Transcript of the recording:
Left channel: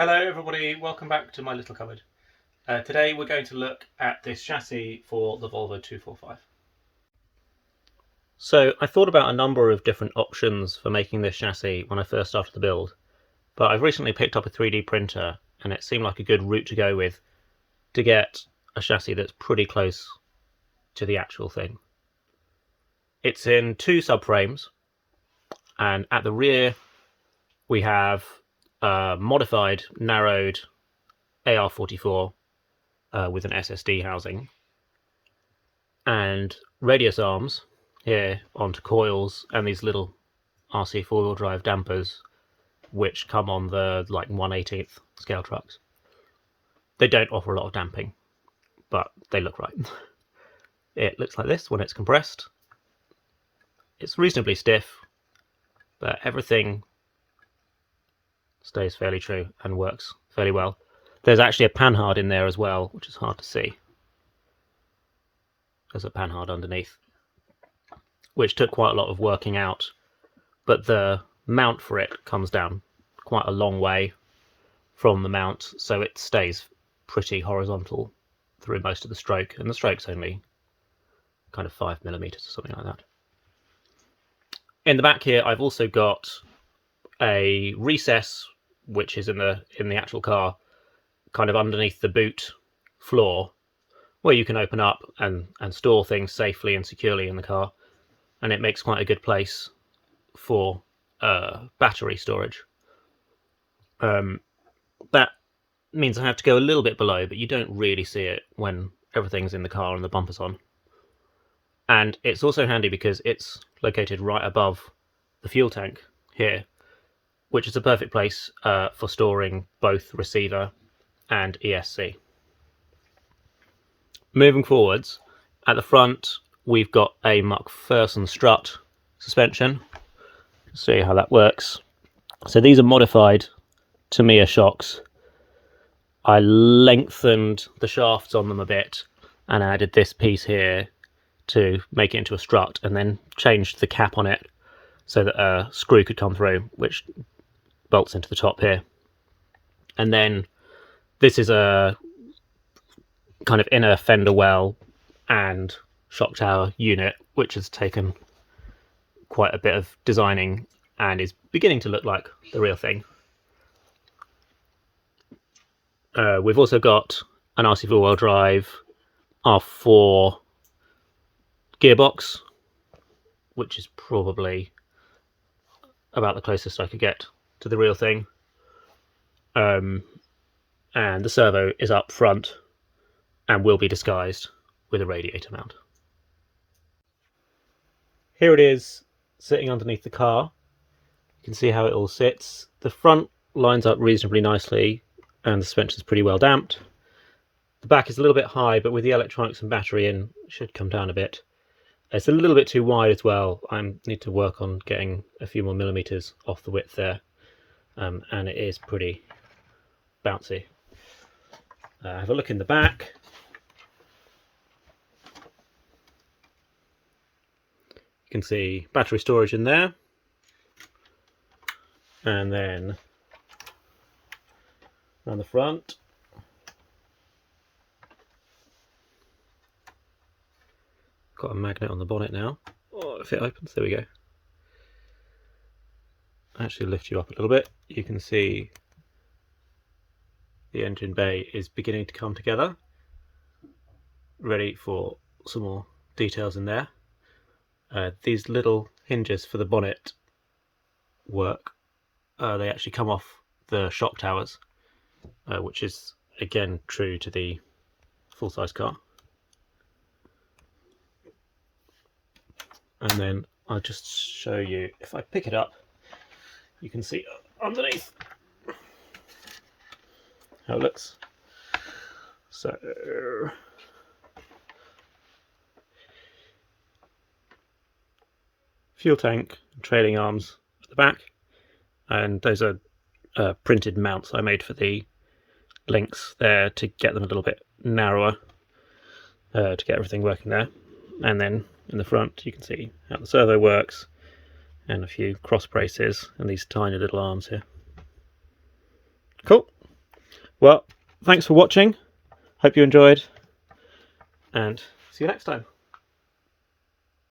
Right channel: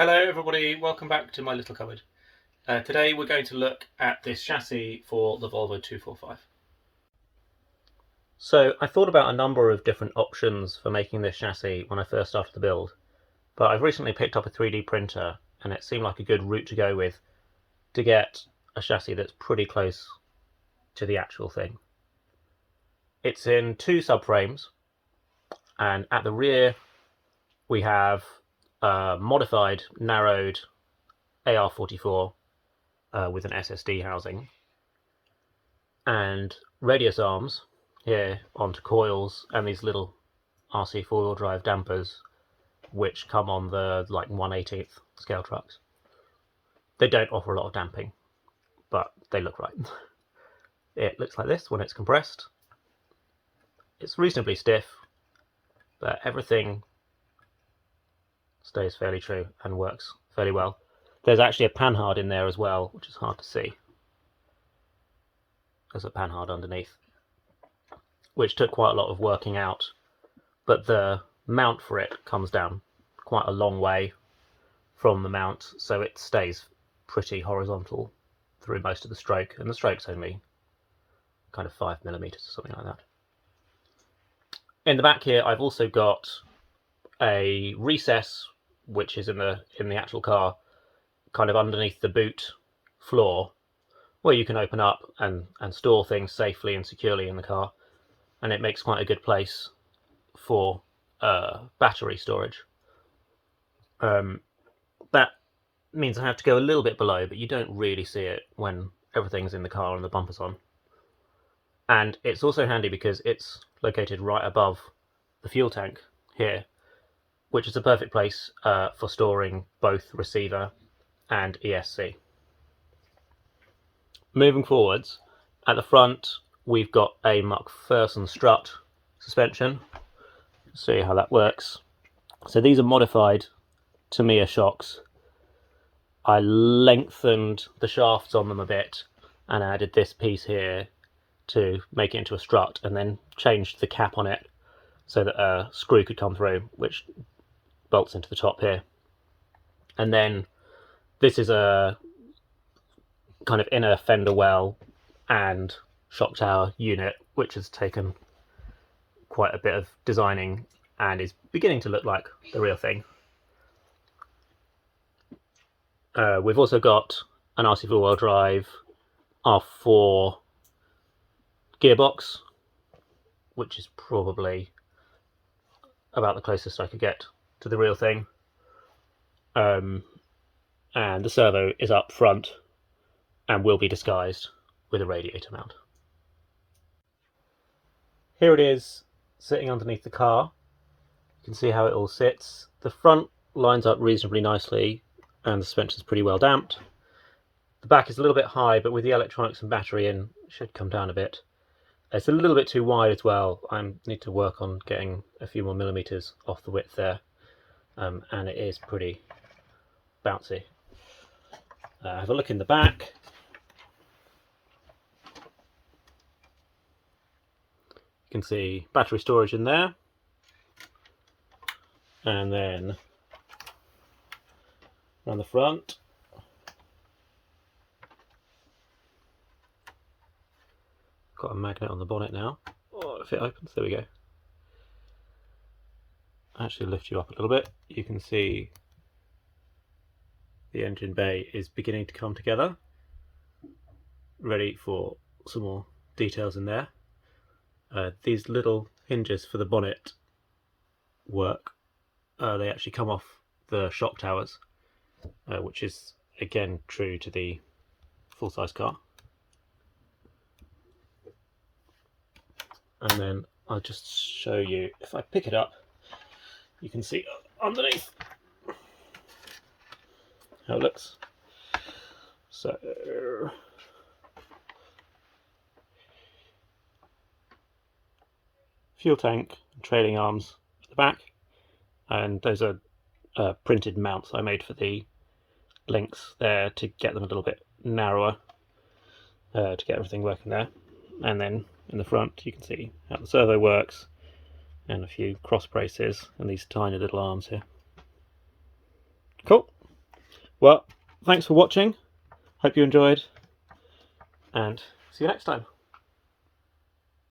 Hello everybody, welcome back to my little cupboard. Today we're going to look at this chassis for the Volvo 245. So I thought about a number of different options for making this chassis when I first started the build, but I've recently picked up a 3D printer and it seemed like a good route to go with to get a chassis that's pretty close to the actual thing. It's in two subframes, and at the rear we have a modified, narrowed AR44 with an SSD housing, and radius arms here onto coils, and these little RC four-wheel drive dampers which come on the like 1/18th scale trucks. They don't offer a lot of damping, but they look right. It looks like this when it's compressed. It's reasonably stiff, but everything stays fairly true and works fairly well. There's actually a panhard in there as well, which is hard to see. There's a panhard underneath, which took quite a lot of working out, but the mount for it comes down quite a long way from the mount, so it stays pretty horizontal through most of the stroke, and the stroke's only kind of 5mm or something like that. In the back here I've also got a recess which is in the actual car, kind of underneath the boot floor, where you can open up and store things safely and securely in the car, and it makes quite a good place for battery storage. That means I have to go a little bit below, but you don't really see it when everything's in the car and the bumper's on. And it's also handy because it's located right above the fuel tank here, which is a perfect place for storing both receiver and ESC. Moving forwards, at the front we've got a McPherson Strut Suspension. See how that works. So these are modified Tamiya shocks. I lengthened the shafts on them a bit and added this piece here to make it into a strut, and then changed the cap on it so that a screw could come through, which bolts into the top here. And then this is a kind of inner fender well and shock tower unit, which has taken quite a bit of designing and is beginning to look like the real thing. We've also got an RC four-wheel drive R4 gearbox, which is probably about the closest I could get to the real thing. And the servo is up front and will be disguised with a radiator mount. Here it is sitting underneath the car. You can see how it all sits. The front lines up reasonably nicely and the suspension is pretty well damped. The back is a little bit high, but with the electronics and battery in, it should come down a bit. It's a little bit too wide as well. I need to work on getting a few more millimeters off the width there, and it is pretty bouncy. Have a look in the back. You can see battery storage in there, and then on the front got a magnet on the bonnet now. Oh, if it opens, there we go. Actually lift you up a little bit. You can see the engine bay is beginning to come together, ready for some more details in there. These little hinges for the bonnet work. They actually come off the shock towers, which is again true to the full-size car. And then I'll just show you, if I pick it up, you can see underneath how it looks. So fuel tank, trailing arms at the back, and those are printed mounts I made for the links there to get them a little bit narrower, to get everything working there. And then in the front you can see how the servo works, and a few cross braces and these tiny little arms here. Cool. Well, thanks for watching. Hope you enjoyed, and see you next time.